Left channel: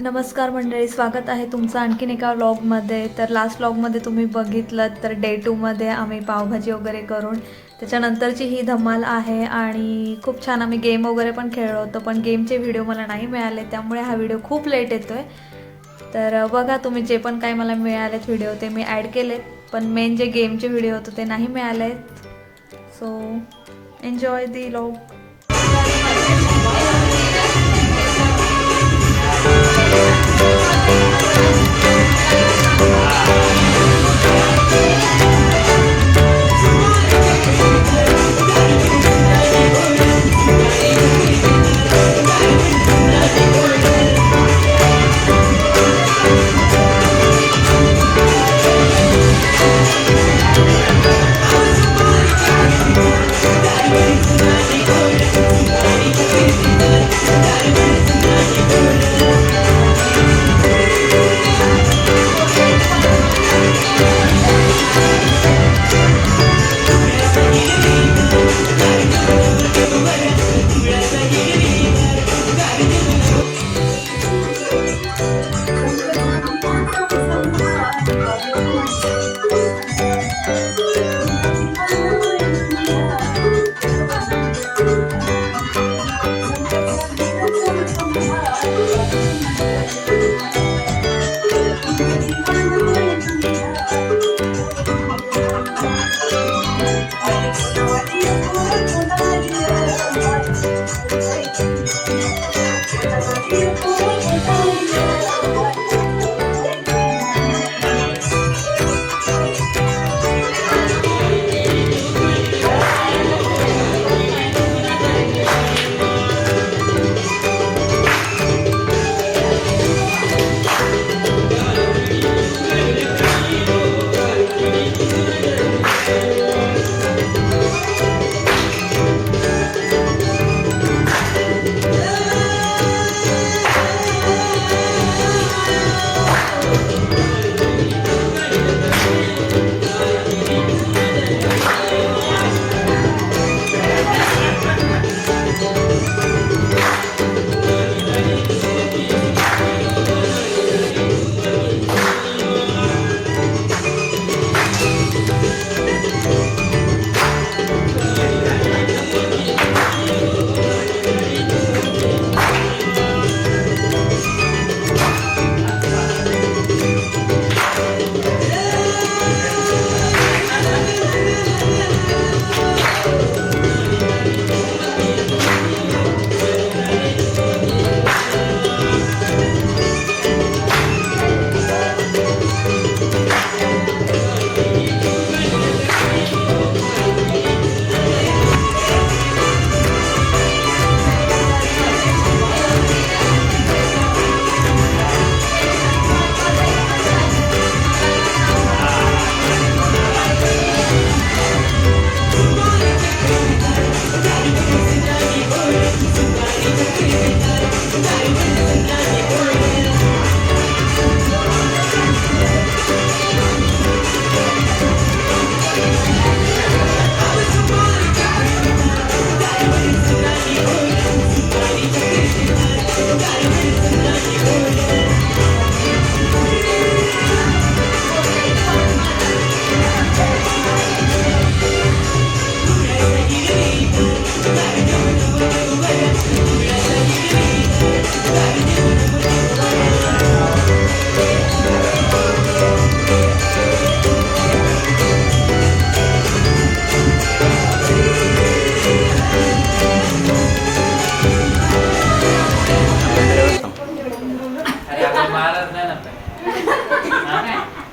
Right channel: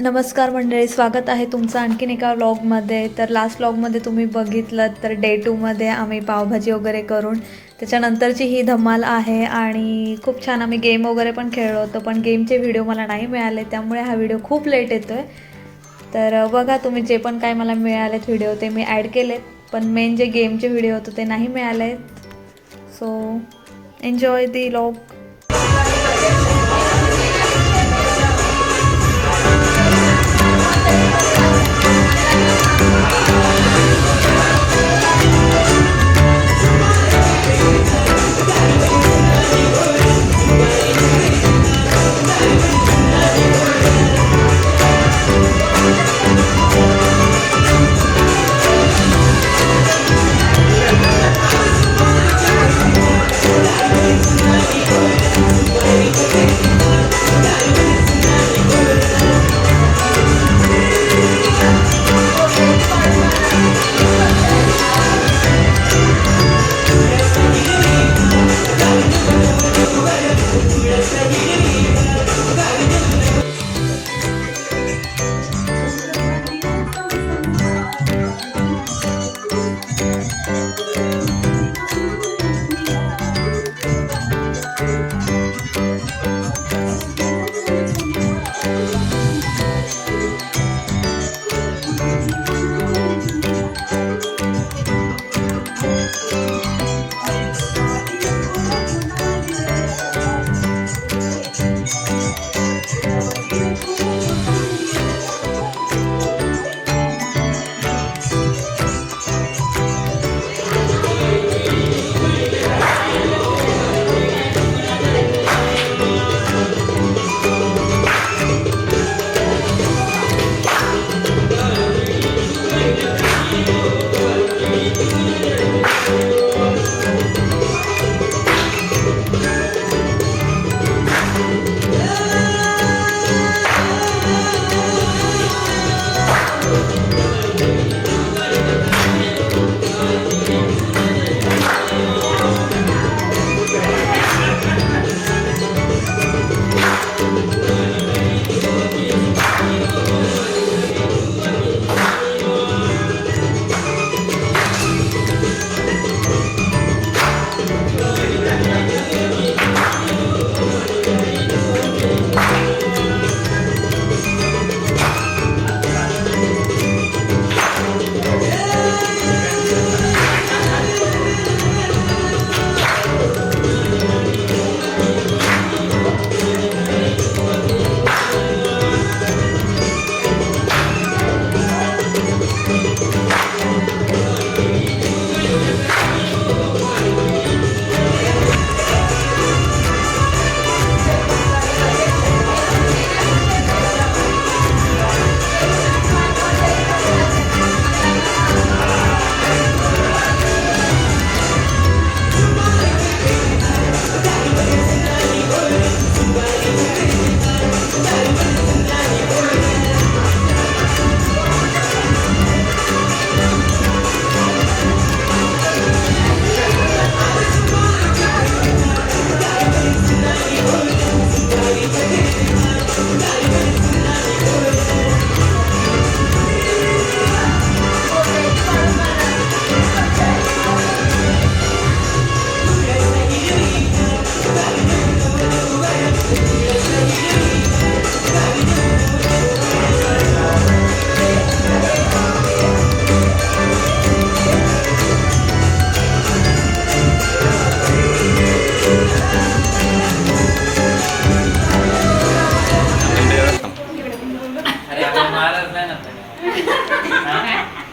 नमस्कार मंडळी, स्वागत आहे तुमचं आणखीन एका व्लॉगमध्ये. तर लास्ट व्लॉगमध्ये तुम्ही बघितलं तर डे 2मध्ये आम्ही पावभाजी वगैरे करून त्याच्यानंतरची ही धमाल आहे. आणि खूप छान आम्ही गेम वगैरे पण खेळलो होतो, पण गेमचे व्हिडिओ मला नाही मिळाले, त्यामुळे हा व्हिडिओ खूप लेट येतो आहे. तर बघा, तुम्ही जे पण काही मला मिळालेत व्हिडिओ ते मी ॲड केलेत, पण मेन जे गेमचे व्हिडिओ होते ते नाही मिळाले. सो एन्जॉय दी व्लॉग.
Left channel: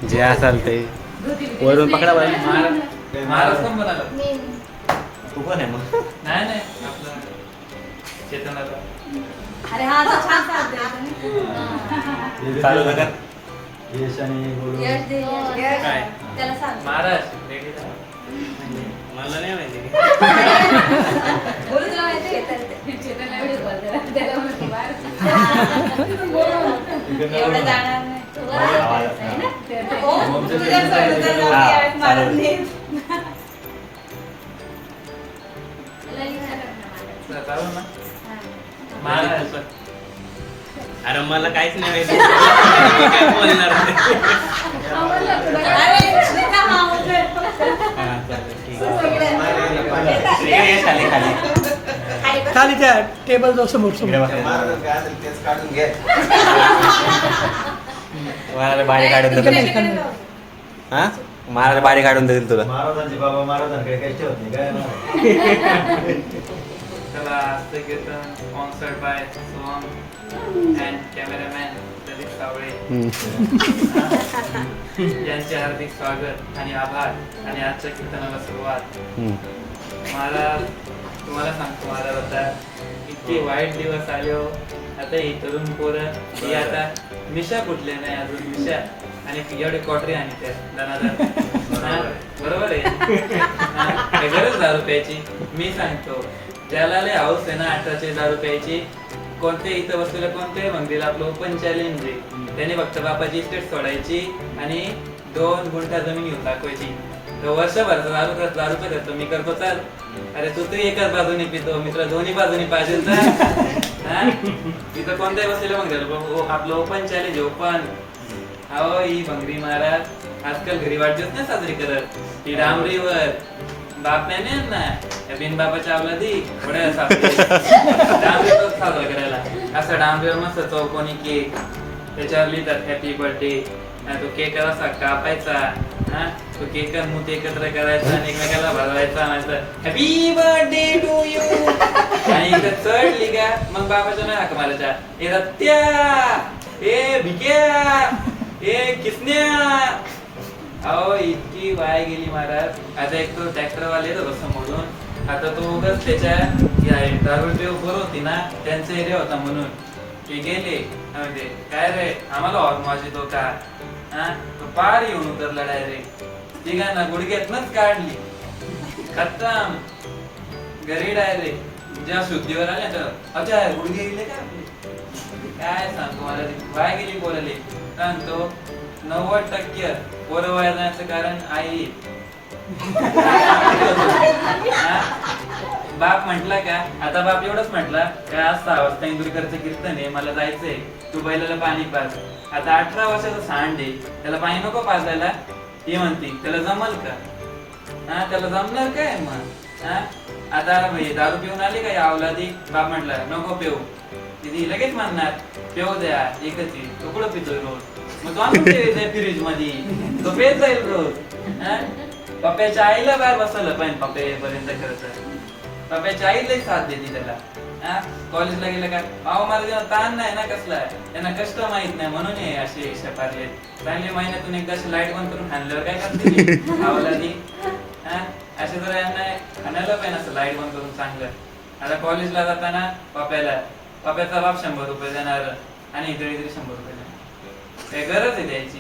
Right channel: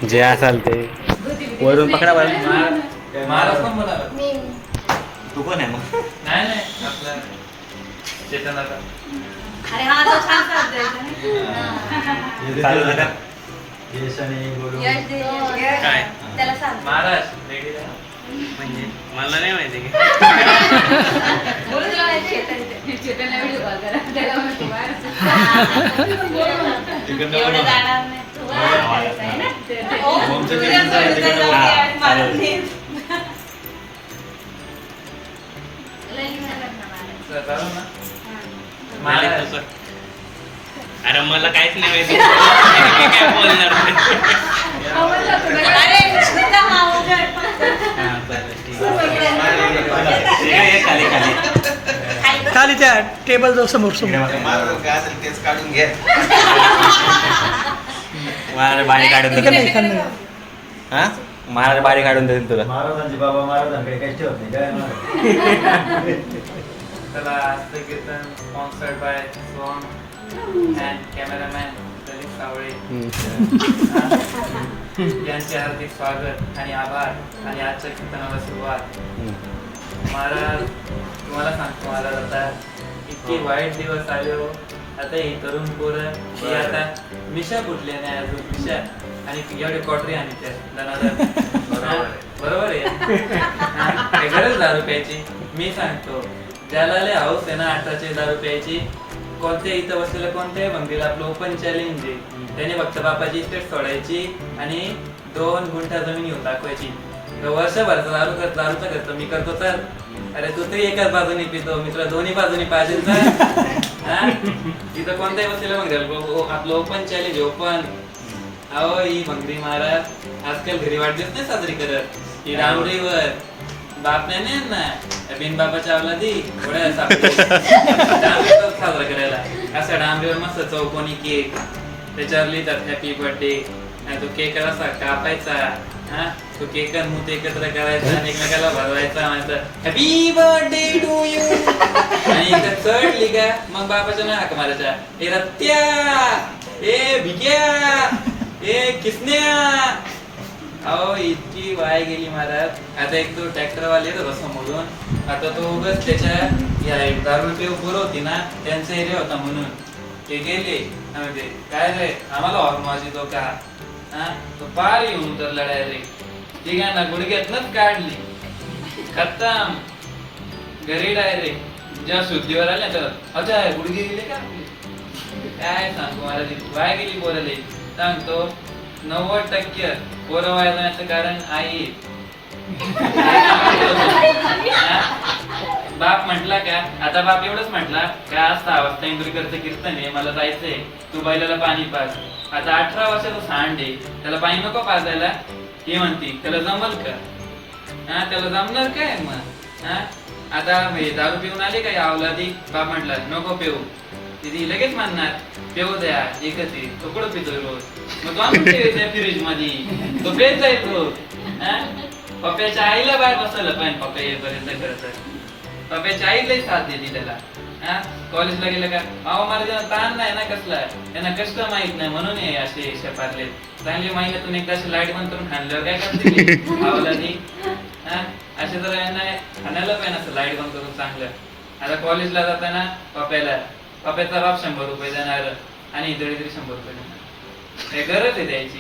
जे असाल ते वरून पकडा बरं. महाराज कोण म्हणाला? तू कोण आहे मग? नाही नाही आपला चेतनाचा. अरे हा तो छान चालतोय. चालू नका. यश दे, यश. काय? त्याला सांग. महाराज वेगळी म्हणजे मला नाही माहिती की बोलू तुला माहिती आहे चेतनला व्हिडिओ कॉल करा त्याला म्हणतो बाहेर. एवढं जाणार नाही. तू बाहेर जायचं आहे ना? हो. तुझ्या सोबत यावेळेस मला नाही. लई नाही करणार. चालू ना महाराज अरे मला काहीच नाही माहिती मी काय बोलणार अरे श्वेता हा वगैरे फक्त. हा, बरं, ठीक आहे. ये, खाली खाली खाली त्या टेबल जाऊ समोर मला बाडी काढून इकडे देईल इकडे. हा मला बाडी काढून देईल तुला महाराजांचे बाबा महाराजांकडे काही ठेवत नाही काय महाराज चला आजचं कीर्तन sponsored by song and cameraman Pradeep Sawale यांचे हार्दिक स्वागत आणि आभार आणि आजच्या कीर्तनाला सुरुवात. महाराज तुम्हाला सांगतो महाराज आता इतके वाईट दिवस आले हो. आता ही तरुण पोरं ही आता मिशा कुठले नाही अजून मिशा आणि एवढे कॉटरी आणि त्या दनादन बरोबर आहे हा, काय गरज दारू प्यायची. मी सांगतो ज्याला लय हाऊस आहे ना 18चे दारू प्यायची कोणत्या इथं बसलेलं कोणत्याही मंदिर आपलं ओपन चॅलेंज आहे. त्याने फक्त बापाची इस्टेट सोडायची आणि 2 गुंठा जमीन घेऊन टाकवायची. तो वर्षभरचा दारूचा खर्च मी करतो तर अरे तू तरी एकाच बाजूने पितो मित्र दोन्ही बाजूनी पाहिजे तर तिथं कोणत्याही बसलेलं मंदिर आपलं ओपन चॅलेंज ओपन. अहो ही भंगरी महाराज आजकाल घरी वाढदिवस नाही साजरी करत. ही डांबरीवर बाप नाही ना बिन बापाच्या अवलादी थोड्या डांबरीवर साजरा करायला असं डांबरीवर मस्त चौकोनी केक त्याच्यावर लिहितात हॅपी बर्थडे. तो केक असा कापायचा हा तो केक मूत एकत्र करायचा आणि एकमेकाला भरवायचा म्हणायचं हॅपी बर्थडे टू यू आणि इकडे चढली का मग बापाच्या नाही हाक मारायच्या ए रत्या ए भिक्या ए किसन्या. अहो इतकी वाय गेली महाराज. आता एक तो ट्रॅक्टरवाले येतो समोरून आता तो उगाच त्याच्या दारू ते उभं होती ना त्यांचा एरिया होता म्हणून ते गेले म्हणजे काय रे आम्हाला हॉर्न वाजतो का हा तो पार येऊन उतरला डायरेक्ट. ती काय ना गुडघ्यातनच काढली खतम घरी डायरेक्ट. जेव्हा शुद्धीवर आले ना अच्छा गुडघे गेले का काय सांगतो मला वाय गेली पोरले. सांगतो 90% पोरं वाया जाण्याचं कारण आई. बाप म्हटला का आता बाप एवढंच म्हटला का आज 6 वाजता इंदुरीकरचं कीर्तन आहे मला जायचंय तू बैलाला पाणी पाज. आता 18 वर्षाचा सांड आहे त्याला पाणी नको पाजायला हे म्हणती त्याला जमल का हा त्याला जमणार काय मग हा. आता दारू पिऊन आले का या अवलादी बाप म्हटला नको पिऊ ती लगेच म्हणणार पिऊ द्या एकच आहे तो कुठं पितोय रोज मग तो आणून ठेवायचा फ्रीज मध्ये तो पेत जाईल रोज. पप्प्याच्या आईला बाहेर बसवलं पण पप्पा येईपर्यंत करत पप्प्याच्या आईलाही साथ दिली त्याला. कॉलेजला गेलं का अहो मला ताण नाही ना कसला त्यांना कष्ट माहित नाही म्हणून हे असे शपारले. चांगले महिन्यातून एकदा अशी लाईट बंद करून खाल्ल्यावर काय करते आवलादी असे जर यांना खाण्याला पाहिजे असं लाईट बंद करून चांगलं. आता कॉलेजला जाताना पप्प्याचा बाप 100 रुपये देणार आणि इतरी 100 रुपये देणार. काय गरज आहे द्यायची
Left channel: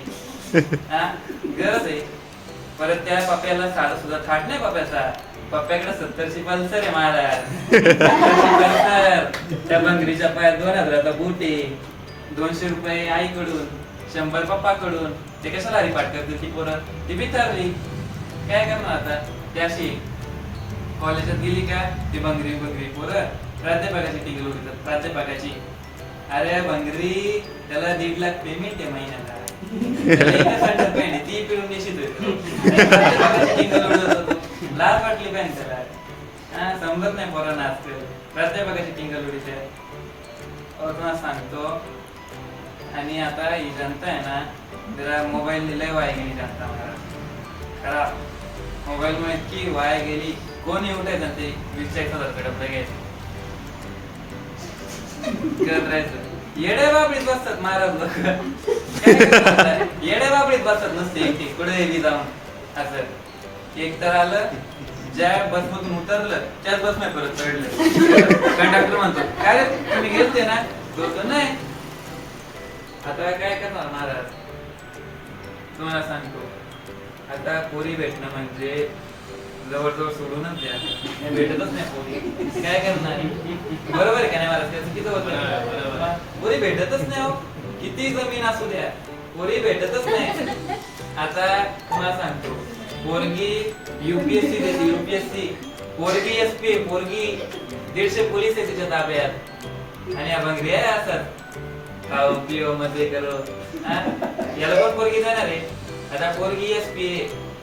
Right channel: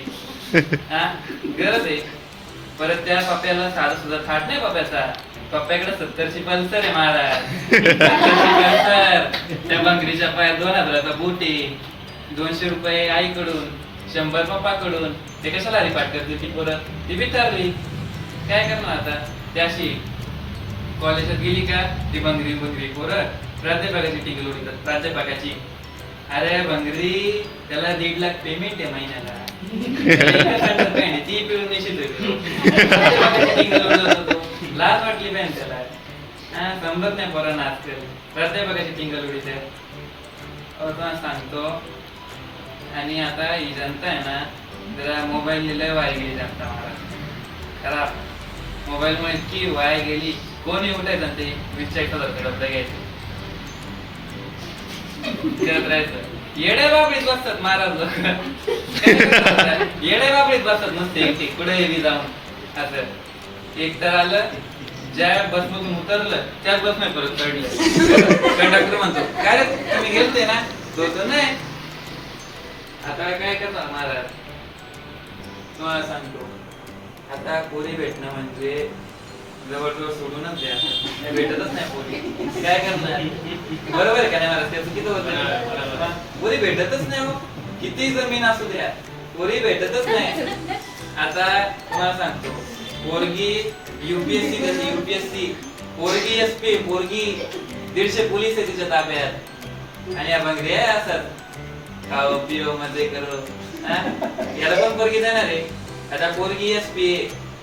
हा गरज आहे. परत त्या पप्प्याला साधा सुद्धा थाट नाही पप्प्याचा. पप्प्याकडे 70ची पल्सर आहे महाराज 70ची पल्सर. त्या बंगरीच्या पायात 2000चा बूट आहे 200 रुपये आईकडून 100 पप्पाकडून. ते कशाला रिपाट करते ती पोरं ती बिथारली काय करणार आता. त्याशी कॉलेजात गेली का ती बंगरी पोरं प्राध्यापकाची टिकल उडीतात प्राध्यापकाची. अरे बंगरी त्याला 1.5 लाख पेमेंट आहे महिन्याला ती पिळून निश्चित लाज वाटली पाहिजे त्याला समजत नाही पोरांना आजकाल प्राध्यापकाची टिंगल उडीचे तुम्हाला सांगतो. आणि आता ही जनता आहे ना जरा मोबाईल लय वाया गेली जनता महाराज खराब. मोबाईल मुळे इतकी वाया गेली कोणी उठायचं ते 20-40 डबडे घ्यायचे करत राहायचं. येड्या बाबळीत बसतात महाराज लोक येड्या बाबळीत बसतात नसते कुठे जाऊन असं. एक तर आलं ज्या बस मधून उतरलं त्याच बस नाही परत चढलं. कंडक्टर म्हणतो काय रे तुम्ही गेलते ना तो नाही. आता काय करणार महाराज तुम्हाला सांगतो. आता पोरी भेटणं म्हणजे जवळजवळ सोडूनच द्या भेटतच नाही पोरी काय करणार बरोबर आहे का नाही महाराज. त्याचं किती होतं पोरी भेटतच नाही हो किती जमीन असू द्या पोरी भेटतच नाही. आता तुम्हाला सांगतो पोरगी युपीएससी पोरगी एसपी पोरगी 150 पोलीस आहे तिच्या ताब्यात आणि या बंगरी आहे असत खाओ पिओ मजे करो. हा? याला पण पोरगी देणार आहे. आता पोरगी एसपी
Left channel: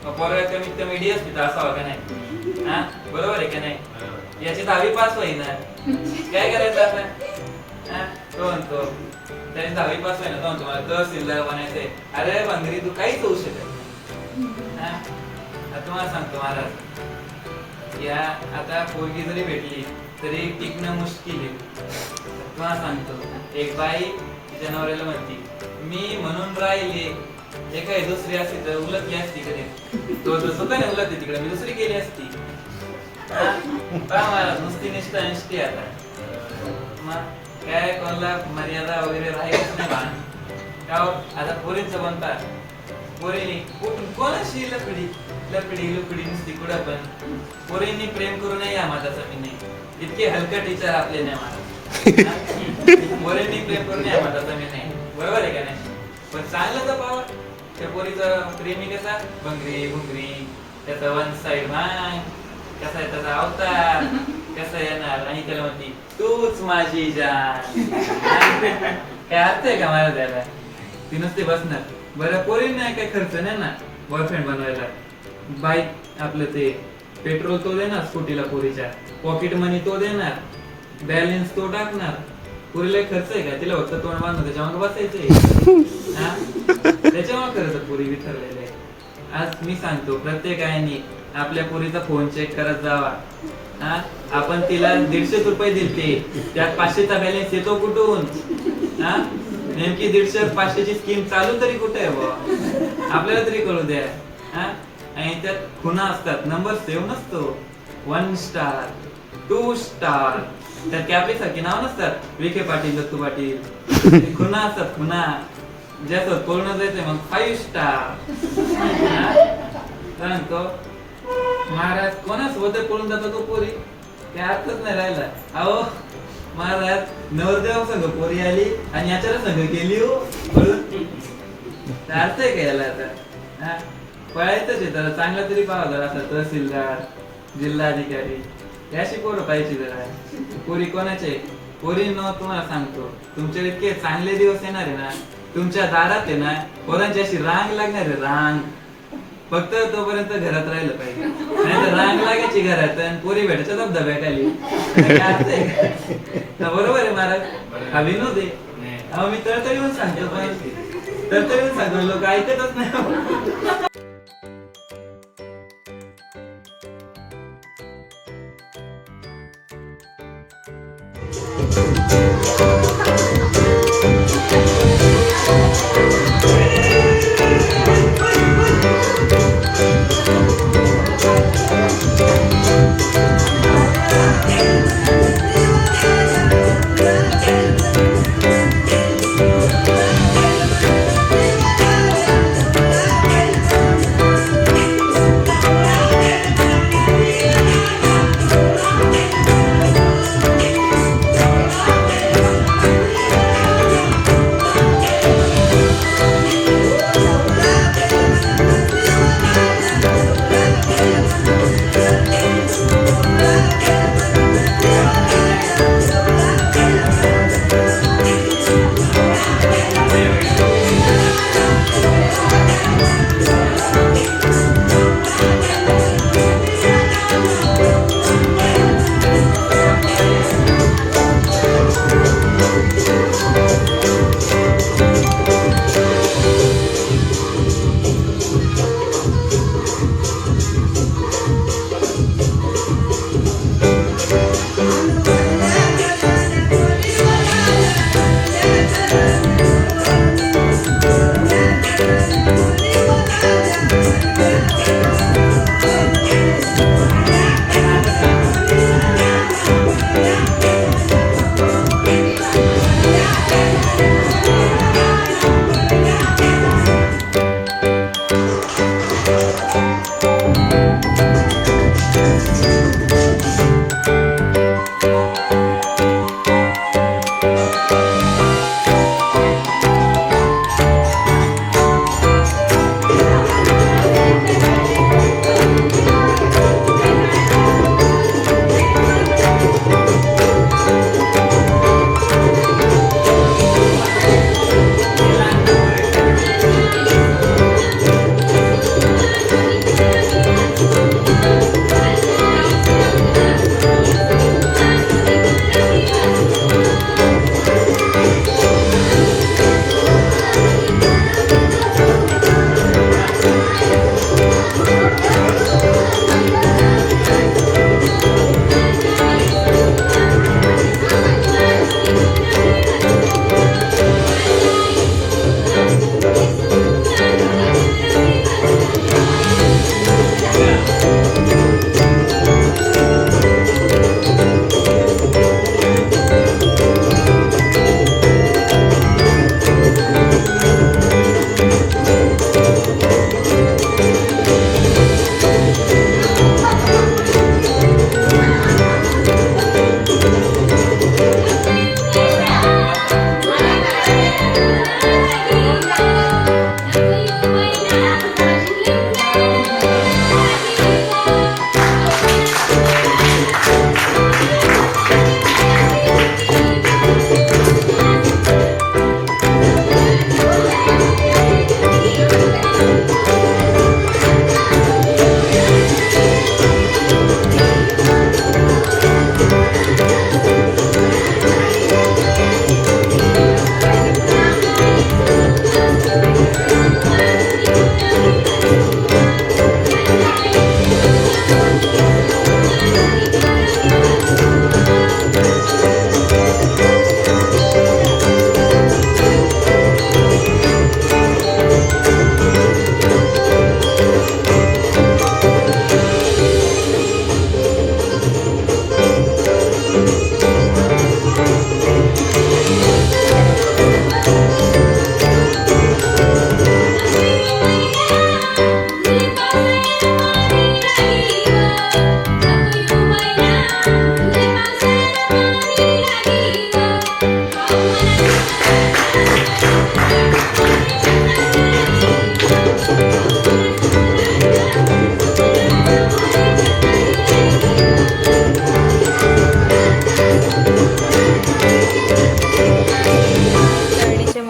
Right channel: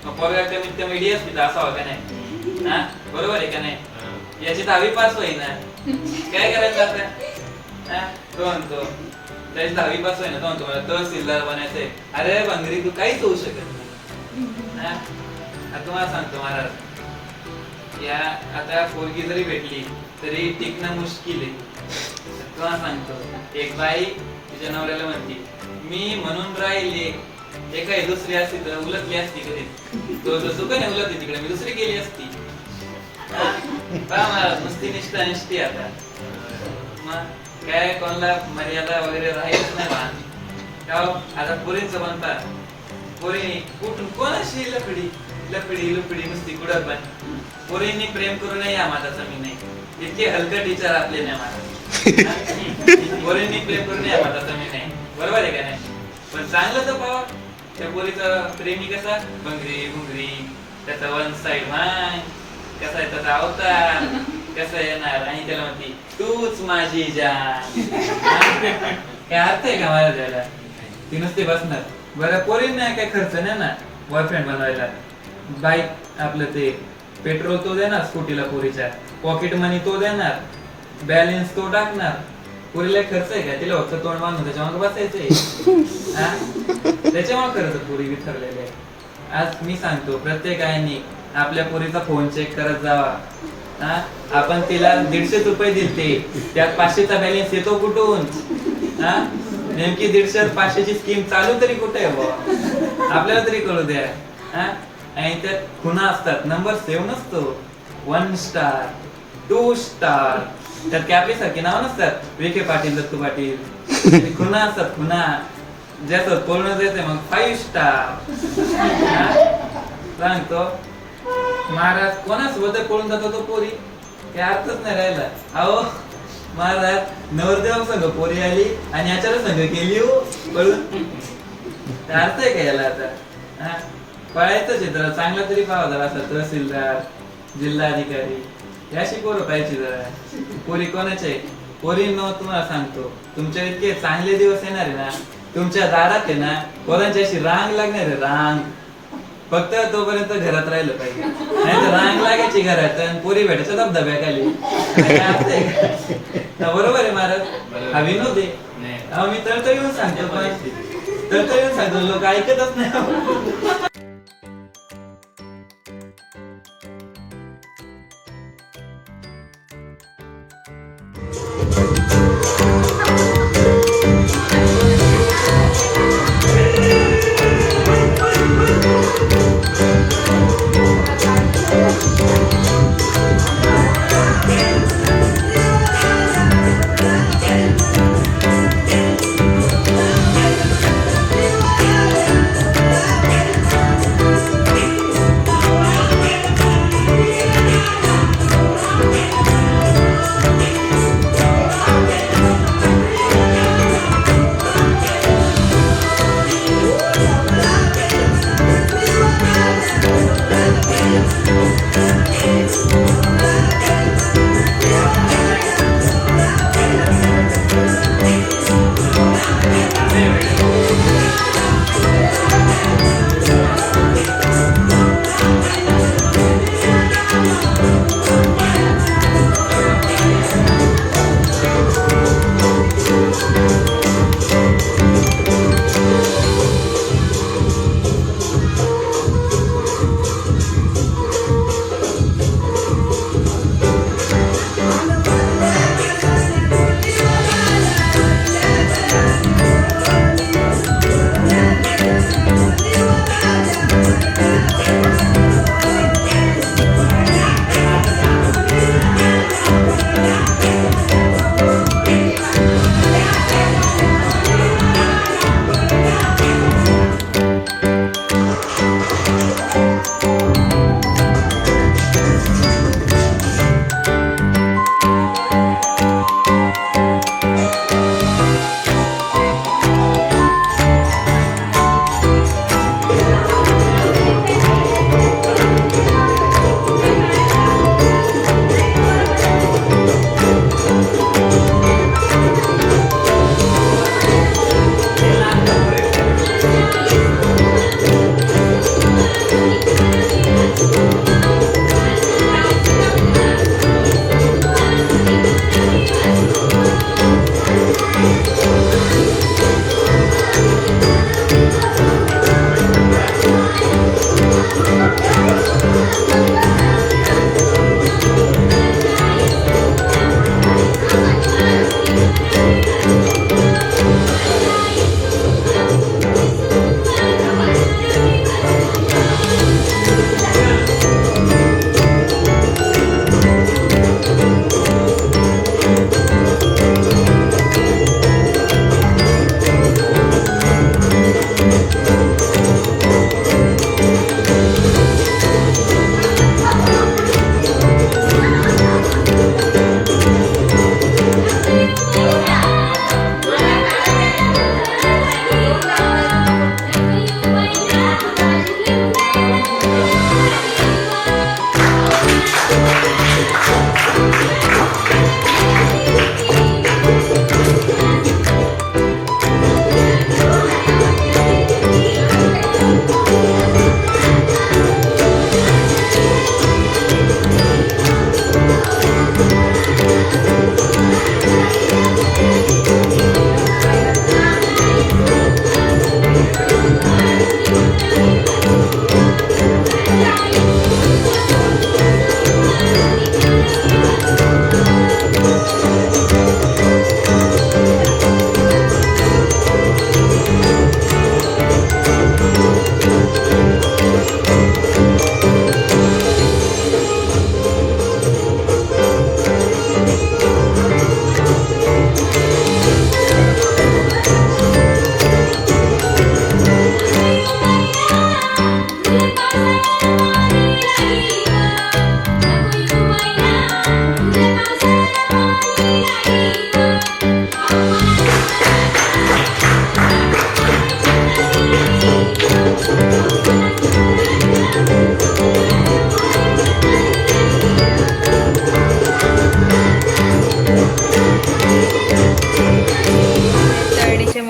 मग पोरगा कमीत कमी डीएसपी तर असावा का नाही? हा बरोबर आहे का नाही? याची 10वी पास होईना काय करायचं आता? हा तो म्हणतो त्याची 10वी पास होईना, तो म्हणतो मला तहसीलदार बनायचंय. अरे भंगरी तू काहीच होऊ शकत नाही. हा आता तुम्हाला सांगतो महाराज, या आता पोरगी जरी भेटली तरी टिकणं मुश्किल आहे. तुम्हाला सांगतो एक बाई तिच्या नवऱ्याला म्हणते मी म्हणून राहिले, एखादी दुसरी असती तर उलटली असती कधी. तो दुकान उलटली तिकडे मी दुसरी गेली असती. मला नुसती निष्ठा निष्ठी आता मग काय कोणाला मर्यादा वगैरे राहीलच नाही बा. का आता पोरींचं बनता पोरी कुठून कोणाशी लपडी लपडी लपडी नुसती कुठं पण. पोरींनी प्रेम करू नये या माताचा मी नाही. इतके हलकट विचार आपले नाही माझा. पोरींनी प्रेम करू नये या माताचा मी नाही. बरोबर आहे का नाही? पण चांगलं तर पावा त्या पोरीचा प्रेमी कसा भंगरी भुंगरी, त्याचा वन साइड मान कसा आहे, त्याचा अवतार कसा येणार आणि त्याला म्हणती तूच माझी जान. काय अर्थ आहे का मला त्याला? ती नुसती बसणार. बरं पोरींना काय खर्च नाही ना बॉयफ्रेंड बनवायला. बाईक आपलं ते पेट्रोल तो देणार स्कूटीला पोरीच्या, पॉकेट मनी तो देणार, बॅलन्स तो टाकणार. पोरीला खर्च आहे का? तिला फक्त तोंड बांधून त्याच्यामुळे बसायचंय. त्याच्यामुळे खर्च पोरी विसरलेले आहे. आज मी सांगतो प्रत्येकाने आपल्या पोरीचा फोन चेक करत जावा. हा आपण तिला 150 रुपये दिलते, त्यात 500चा बॅलन्स येतो कुठून? हा नेमकी 150 500ची स्कीम चालू तरी कुठे आहे बुवा? आपल्याला तरी कळू द्या. हा आणि त्यात खुणा असतात, नंबर सेव्ह नसतो. 1 स्टार 2 स्टार त्यात कॅपरीसारखी नाव नसतात, विखे पाटील दत्तू पाटील. खुणा असतात खुणा. ज्याचं पूर्ण जायचंय मग 5 स्टार. सांगतो महाराज कोणासोबत पळून जातो तो पोरी काय अर्थच नाही राहिला. अहो महाराज नवरदेव संघ पोरी आली आणि याच्यावर संघ केली हो पळून. अर्थ आहे का याला आता? हा पळायचंच आहे तर चांगला तरी पाहा जरा असा तहसीलदार जिल्हाधिकारी याशी पोरं पाहिजे जरा. पोरी कोणाचे पोरी न तुम्हाला सांगतो तुमच्या इतके चांगले दिवस येणार आहे ना, तुमच्या दारात आहे ना पोरांची अशी रांग लागणार आहे रांग. फक्त तोपर्यंत घरात राहिलं पाहिजे, नाही तर रांग लागायची घरात आणि पोरी भेटायच्या धबधब्याखाली. बरोबर आहे महाराज? हा विनोद आहे. अहो मी तळतळ येऊन सांगतो पण तळतळ येऊन सांगतो लोक ऐकतच नाही.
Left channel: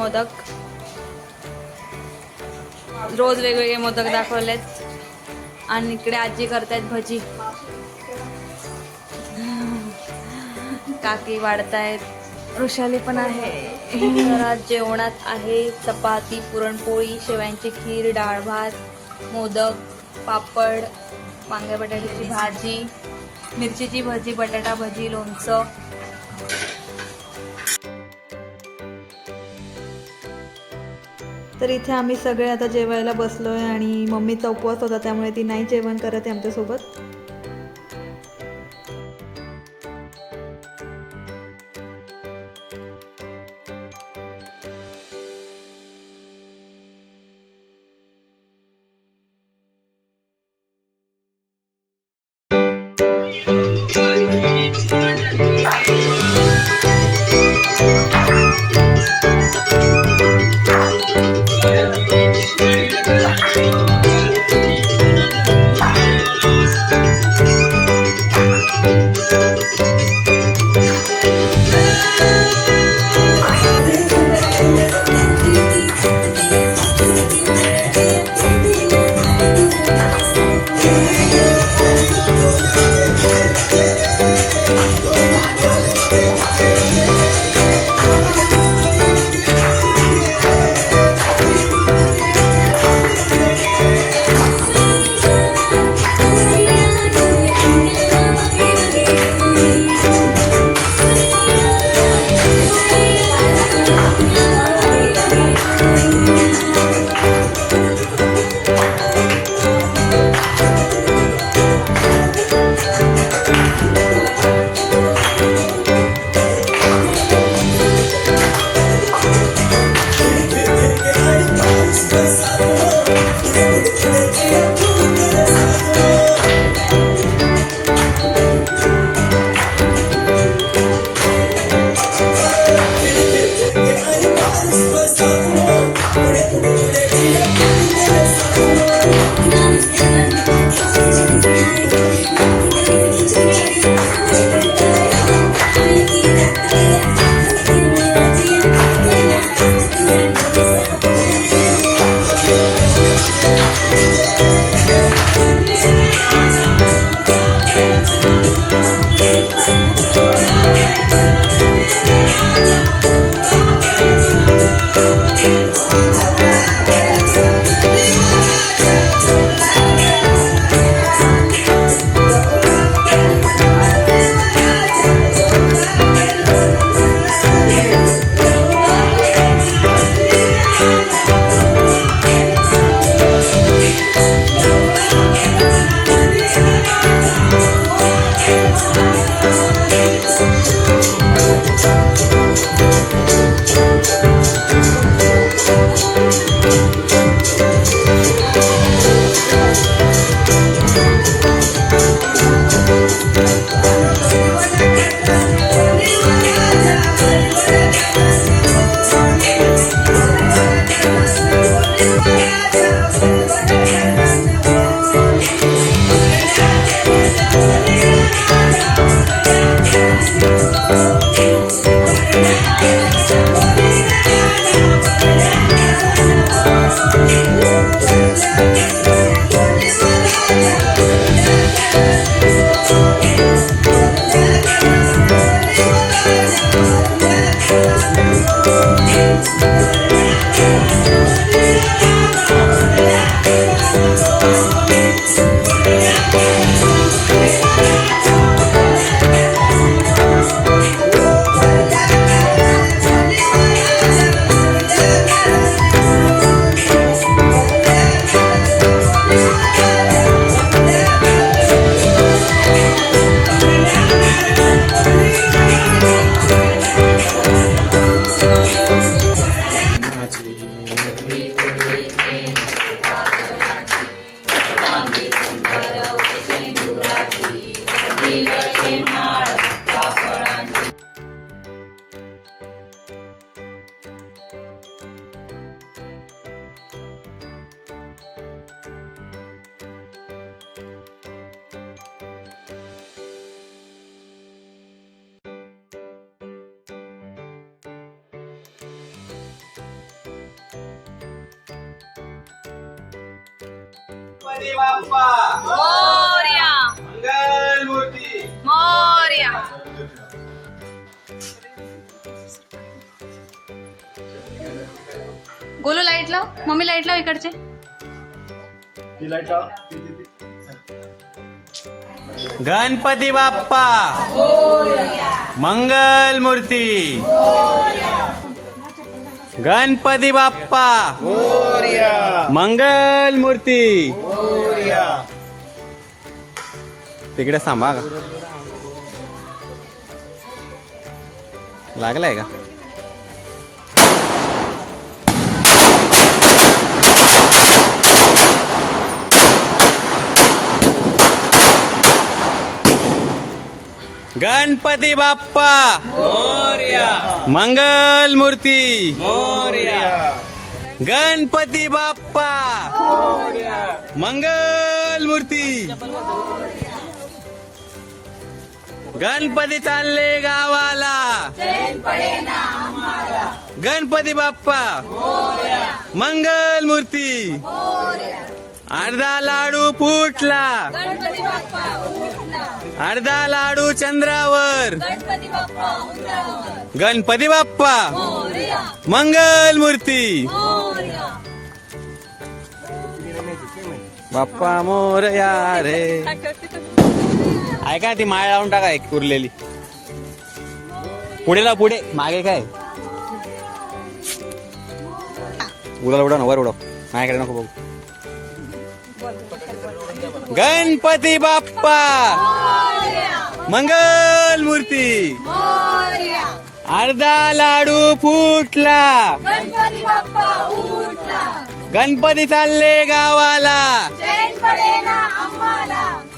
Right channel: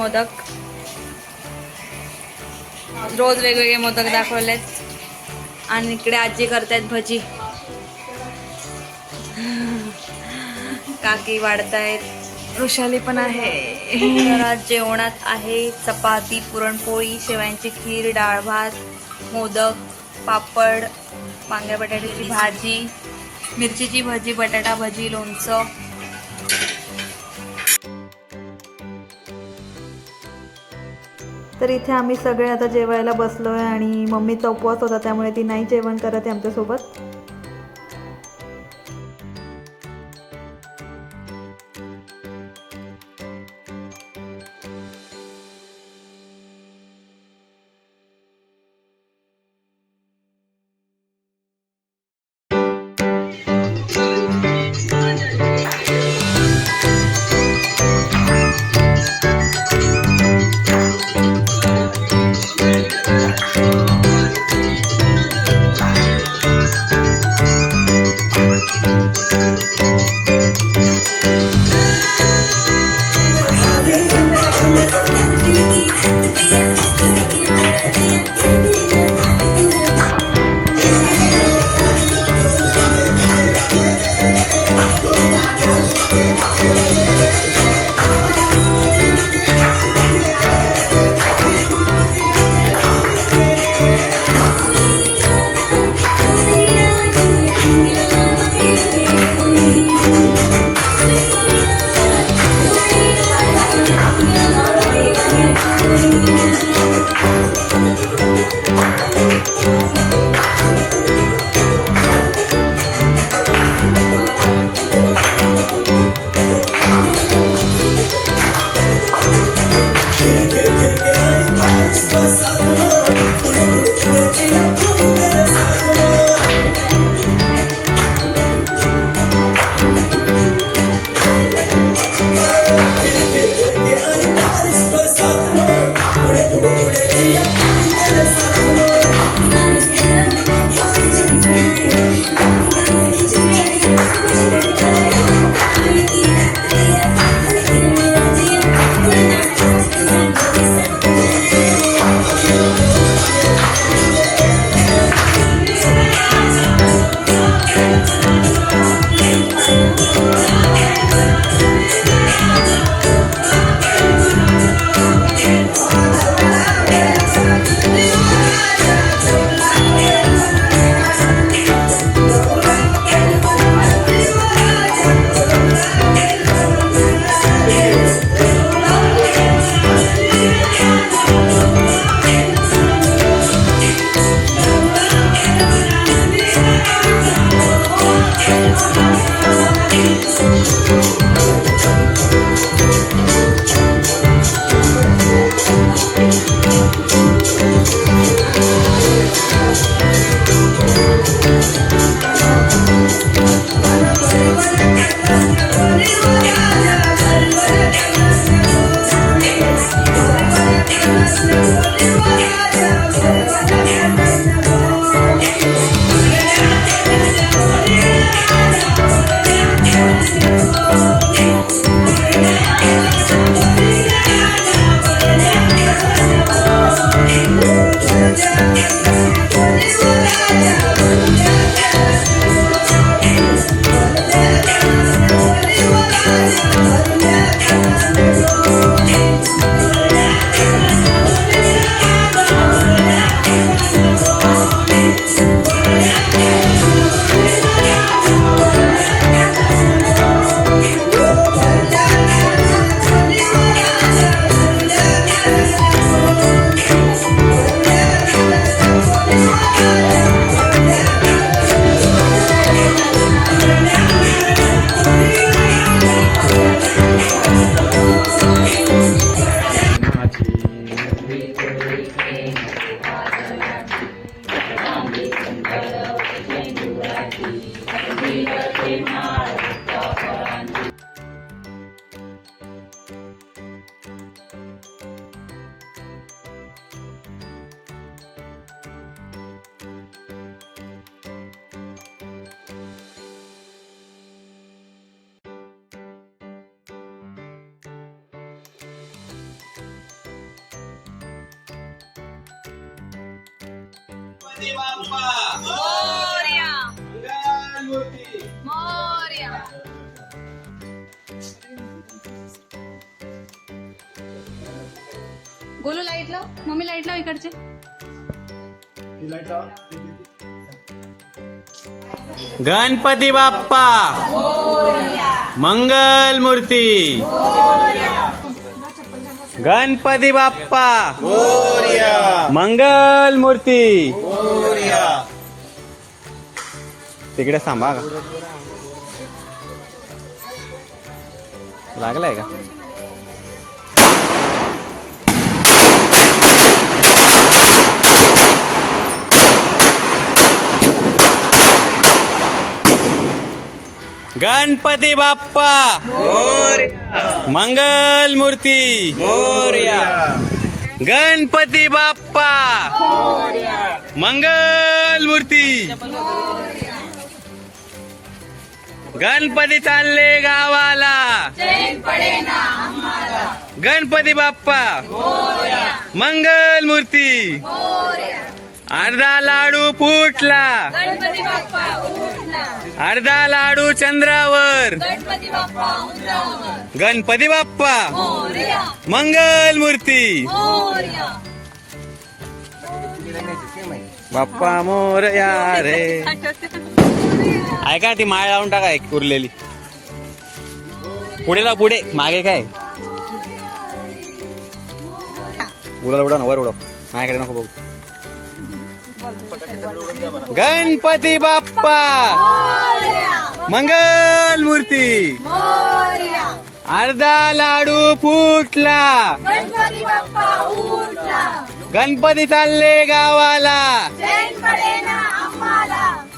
मोदक. रोज वेगवेगळे मोदक दाखवलेत. आणि इकडे आजी करतायत भजी. काकी वाढतायत. वृषाली पण आहे. तर आज जेवणात आहे चपाती, पुरणपोळी, शेवयांची खीर, डाळ भात, मोदक, पापड, वांग्या बटाट्याची भाजी, मिरचीची भजी, बटाटा भजी, लोणचं. तर इथे आम्ही सगळे आता जेवायला बसलोय आणि मम्मीचा उपवास होता त्यामुळे ती नाही जेवण करत आहे आमच्यासोबत. गणपती बाप्पा मोरया मंगलमूर्ती मोरया. गोलू लाईट लाव, मम्मी लाईट लाव इकडचे. गणपती बाप्पा मंगलमूर्ती. गणपती बाप्पा मंगलमूर्ती. तिकडे थांबा का लागलाय का? गणपती बाप्पा मंगलमूर्ती. गणपती बाप्पा मंगलमूर्ती. गणपती चालले गावाला. गणपती बाप्पा मंगलमूर्ती. अर्धा लाडू फुटला. अर्धा लाडू चंद्रावर. गणपती बाप्पा मंगलमूर्ती. बाप्पा मोरया रे. ऐका ती माळ लावून टाका एक उरलेली. पुढे लाव, पुढे मागे काय उडव ना, वर उडव. माझ्याकडे नको बघू. गणपती बाप्पा मंगलमूर्ती. अर्धा लाडू फुटला. गणपती चालले गावाला.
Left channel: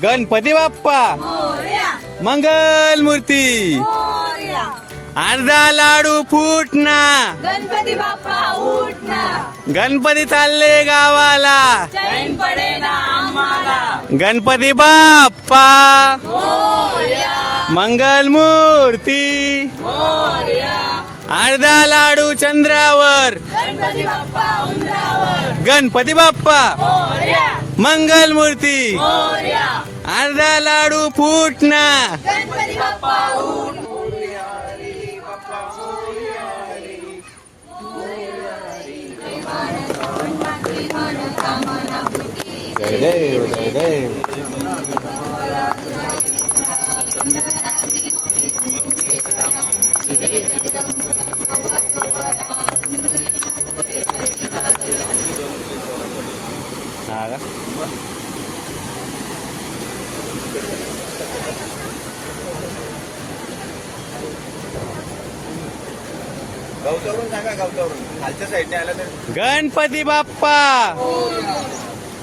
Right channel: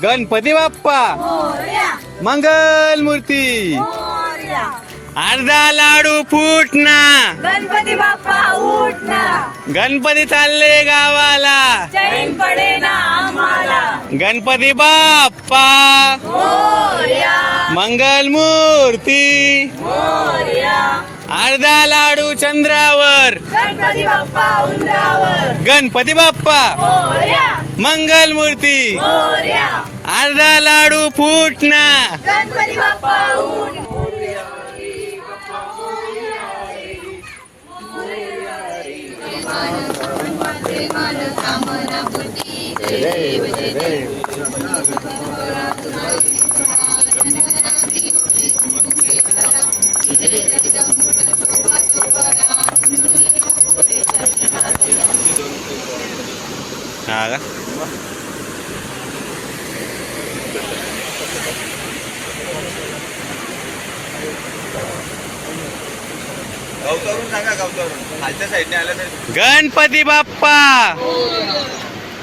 गणपती बाप्पा मंगलमूर्ती. अर्धा लाडू फुटना. गणपती बाप्पा उठना. गणपती चालले गावाला. चैन पडे ना आम्हाला. गणपती बाप्पा मोरया मंगलमूर्ती. मोरया. अर्धा लाडू चंद्रावर. गणपती बाप्पा उंबरावर. गणपती बाप्पा मोरया मंगलमूर्ती. मोरया. अर्धा लाडू फुटना. गणपती बाप्पा उठ. हा का? गावचावरून सांगा, गावचावरून खालच्या साईडने आलं तर. गणपती बाप्पा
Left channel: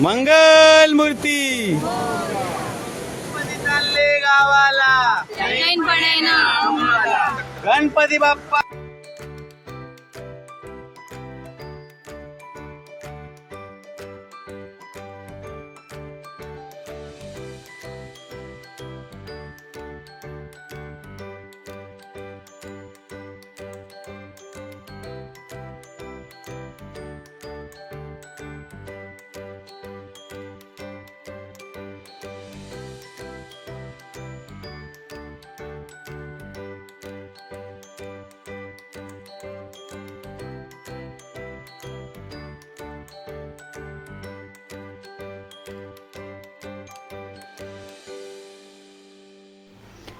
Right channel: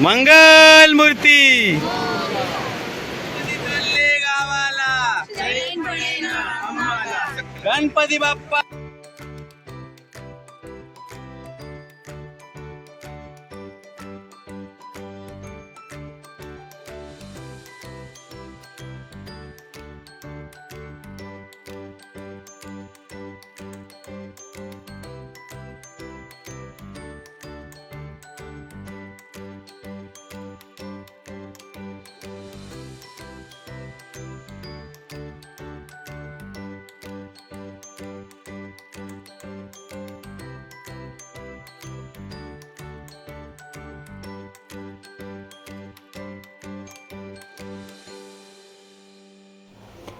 मंगलमूर्ती. गणपती चालले गावाला. चैन पडे ना आम्हाला. गणपती बाप्पा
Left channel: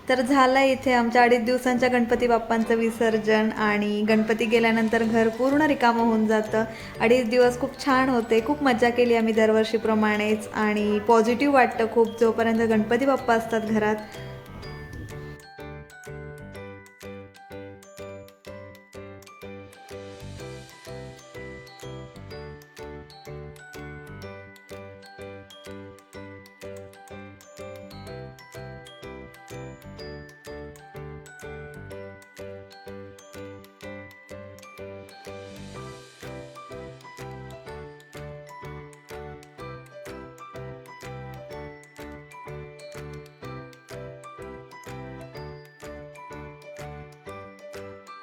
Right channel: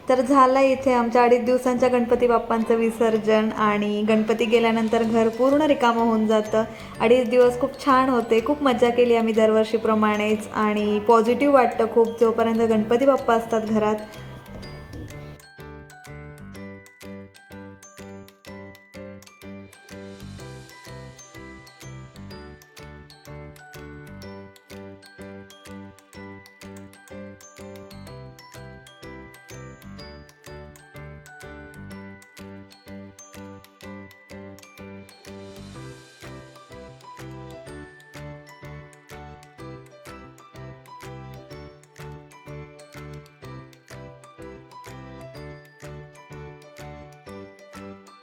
तर झालं इथे आमच्या 2.5 दिवसांच्या गणपती बाप्पांचं विसर्जन. आणि गणपती गेल्यानंतर घर पूर्ण रिकामं होऊन जातं. 2.5 दिवस खूप छान होते. खूप मजा केली आम्ही दरवर्षीप्रमाणेच. आणि पॉझिटिव्ह वाटतं खूप जोपर्यंत गणपती बाप्पा असतात घरात.